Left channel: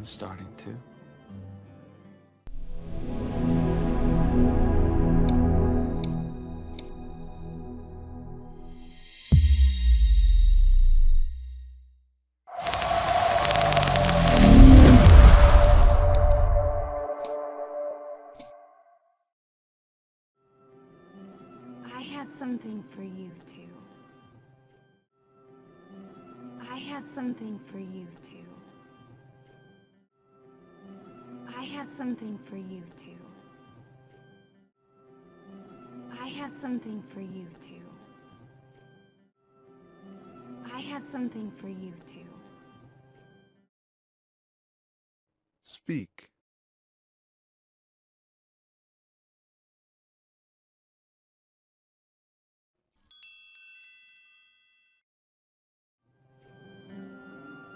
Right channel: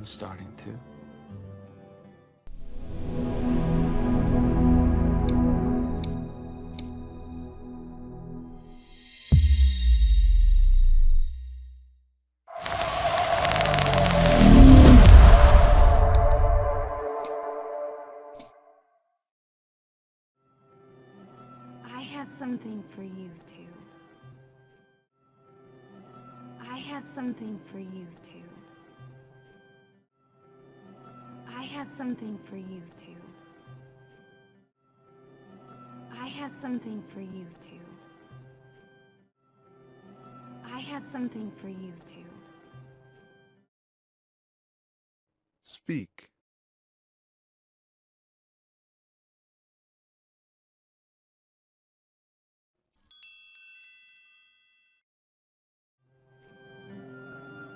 I'm starting to. I have something for you too. I have something for you too. I have something for you too. I have something for you too. I have something for you too. Speak.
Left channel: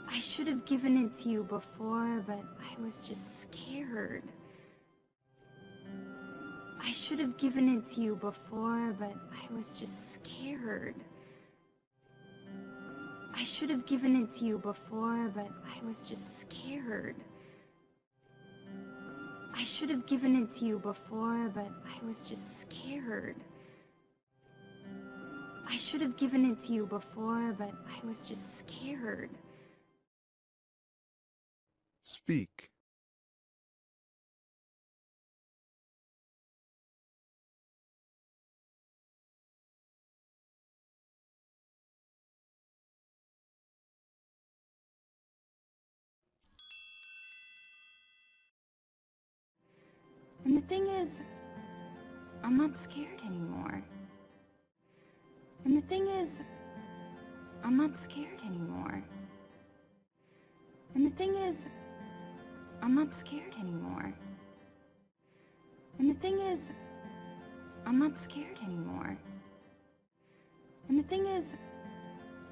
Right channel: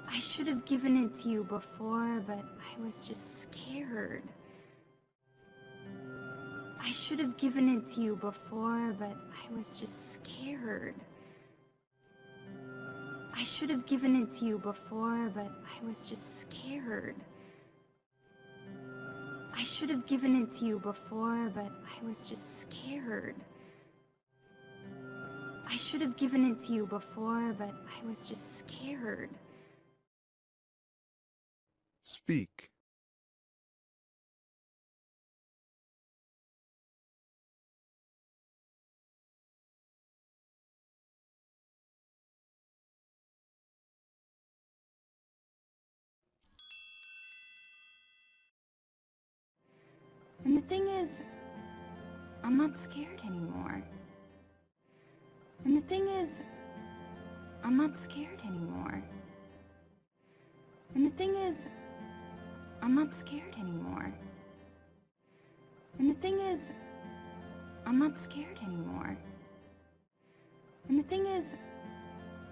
I should have given it to you before, but I was just scared. I should have given it to you before, but I was just scared. I should have given it to you before, but I was just scared. I should have given it to you before, but I was just scared. I should have given it to you before, but I was just scared. Speak. And the thing is, I'm not scared anymore. And the thing is, I'm not scared anymore. And the thing is, I'm not scared anymore. And the thing is, I'm not scared anymore. And the thing is,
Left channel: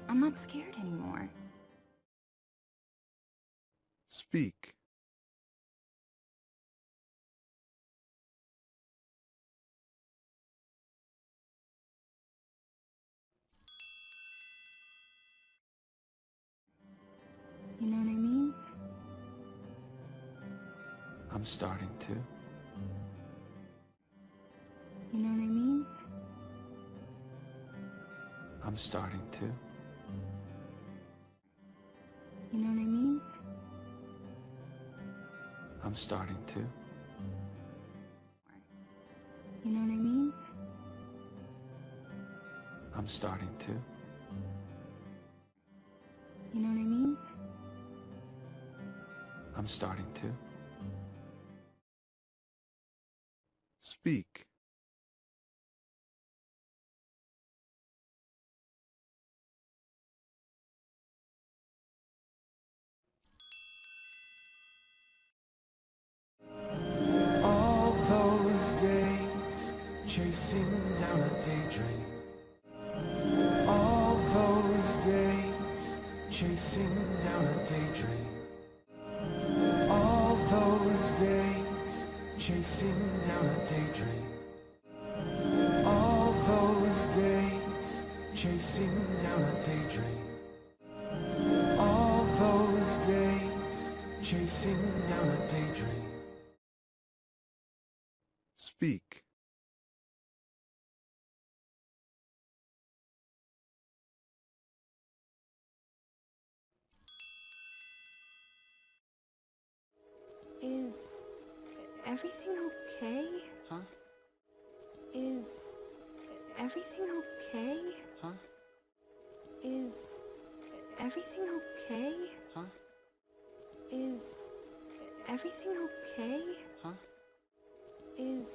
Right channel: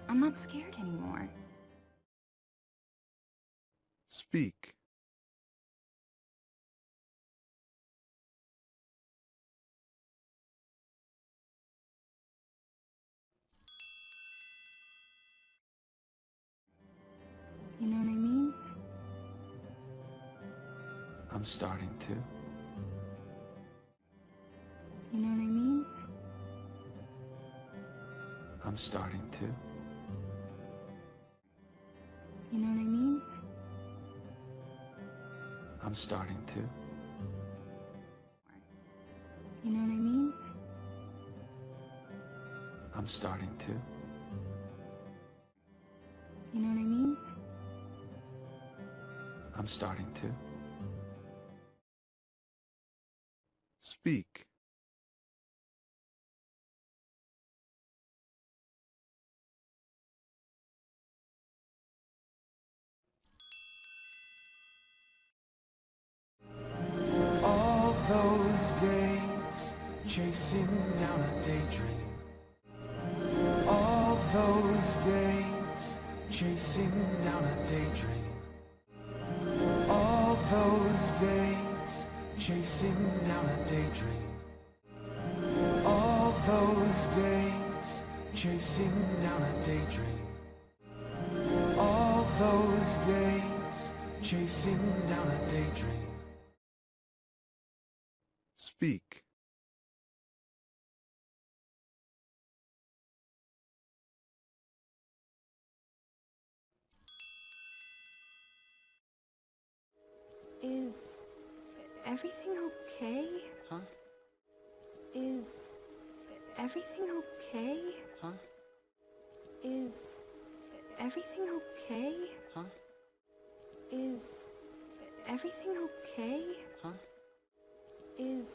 I'm not scared anymore. Speak. You know what I mean? I'm starting to. You know what I mean? I'm starting to. You know what I mean? I'm starting to. You know what I mean? I'm starting to. You know what I mean? I'm starting to. Speak. All those days chasing down a daydream. All those days chasing down a daydream. All those days chasing down a daydream. All those days chasing down a daydream. All those days chasing down a daydream. Speak. Is everything okay? Huh? Is everything okay? Huh? Is everything okay? Huh? Is everything okay? Huh? Is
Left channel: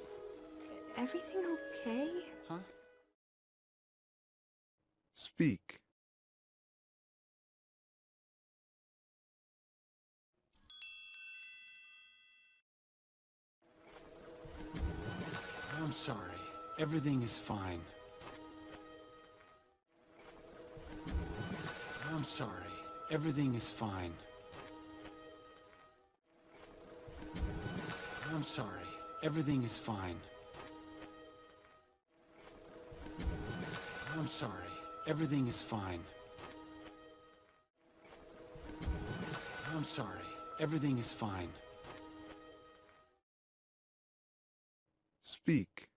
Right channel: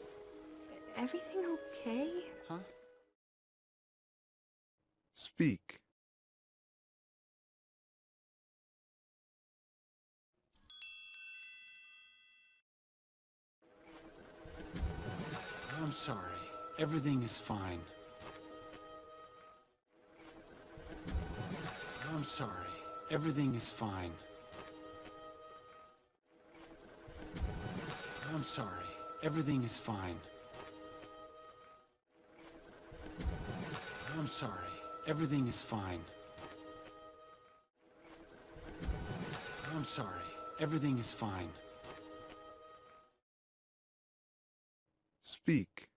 everything okay? Huh? Speak. I'm sorry. Everything is fine. I'm sorry. Everything is fine. I'm sorry. Everything is fine. I'm sorry. Everything is fine. I'm sorry. Everything is fine. Speak.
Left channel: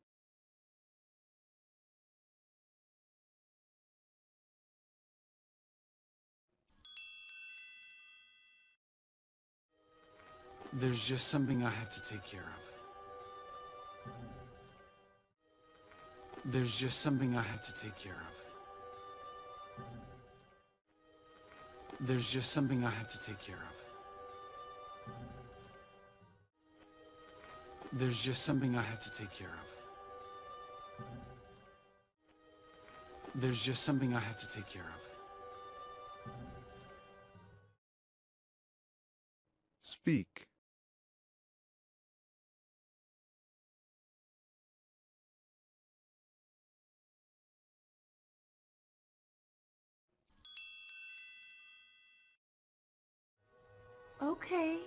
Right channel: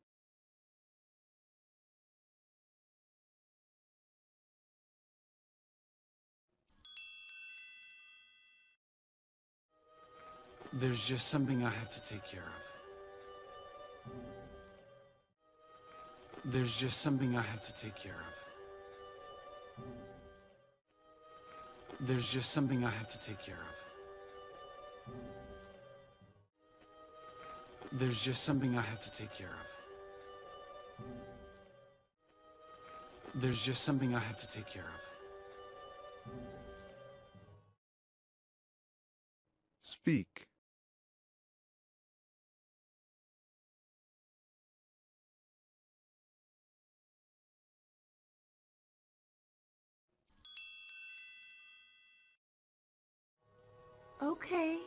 There's just something I have to take care of. There's just something I have to take care of. There's just something I have to take care of. There's just something I have to take care of. There's just something I have to take care of. Speak. Okay.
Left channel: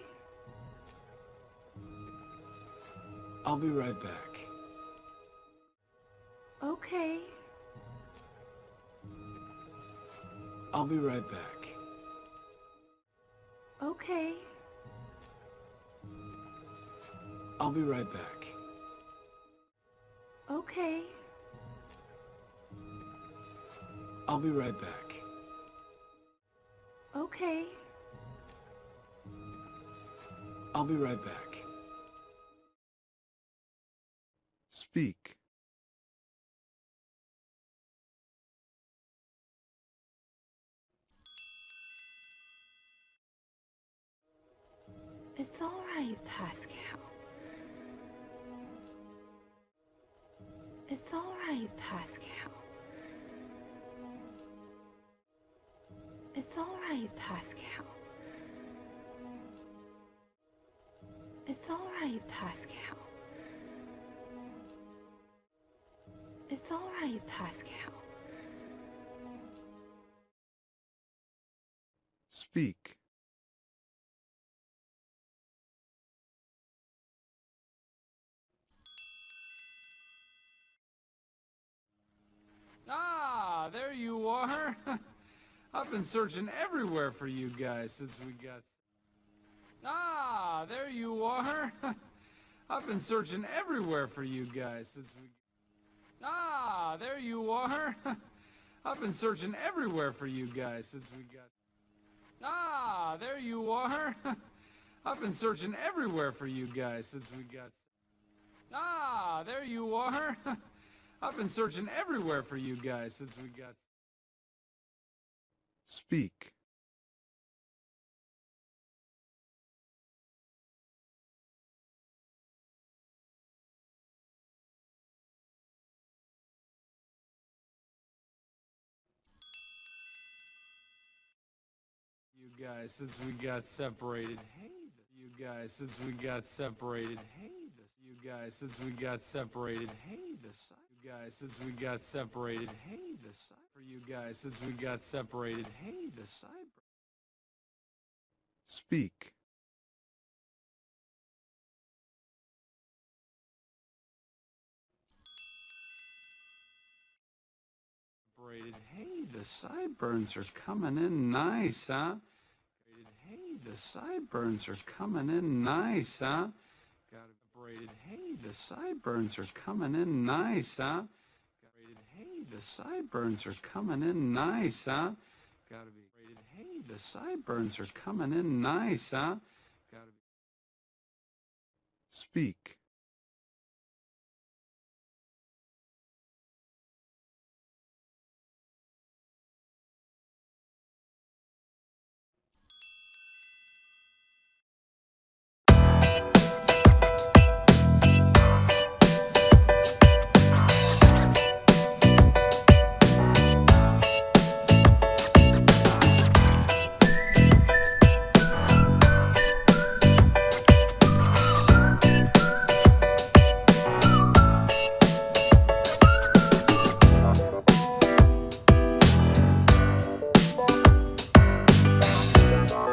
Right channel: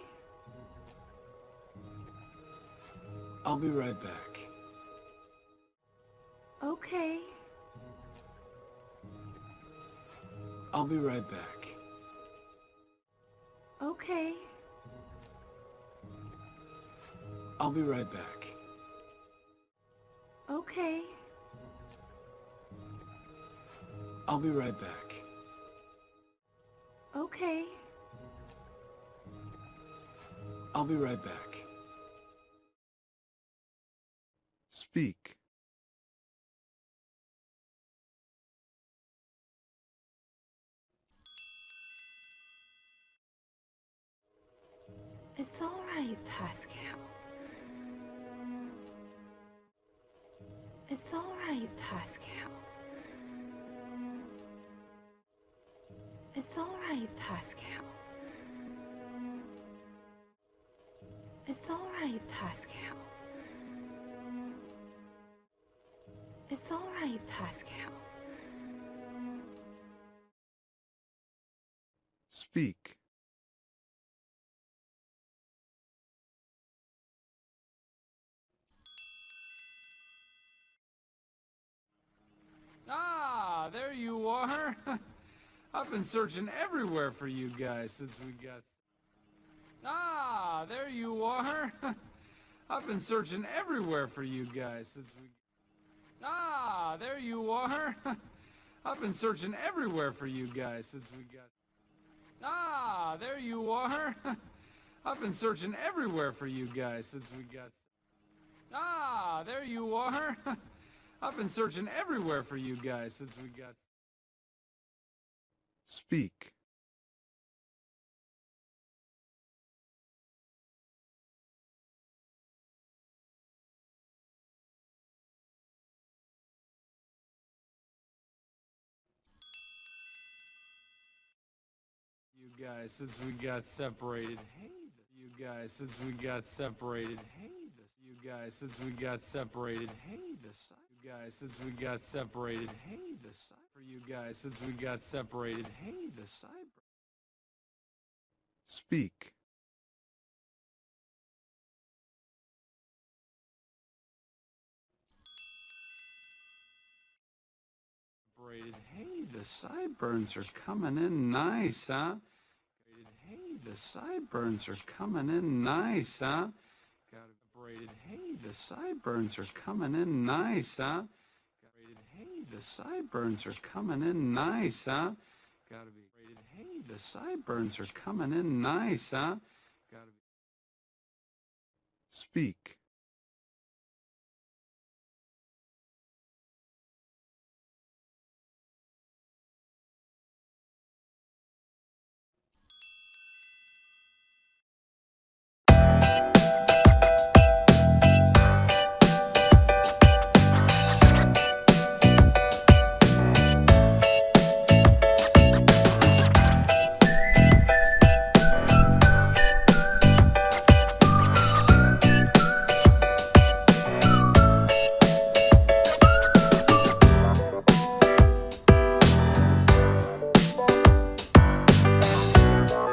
I'll be right back. Okay. I'll be right back. Okay. I'll be right back. Okay. I'll be right back. Okay. I'll be right back. Speak. It's all right, Pascal. It's all right, Pascal. It's all right, Pascal. It's all right, Pascal. It's all right, Pascal. Speak. Ah, there you are. I've been searching everywhere for you guys since we got... Ah, there you are. I've been searching everywhere for you guys since we... Ah, there you are. I've been searching everywhere for you guys since we got... Ah, there you are. I've been searching everywhere for you guys since we got... Ah, there you are. I've been searching everywhere for you guys since we got... Speak. You guys since we got separated. You guys since we got separated. You guys since we got separated. You guys since we got separated. For you guys since we got separated. Speak. Hey, the sideburns are coming in nice, huh? Hey, the sideburns are coming in nice, huh? Hey, the sideburns are coming in nice, huh? Hey, the sideburns are coming in nice, huh? Gotta be rated. Hey, the sideburns are coming in nice, huh? Gotta be. Speak.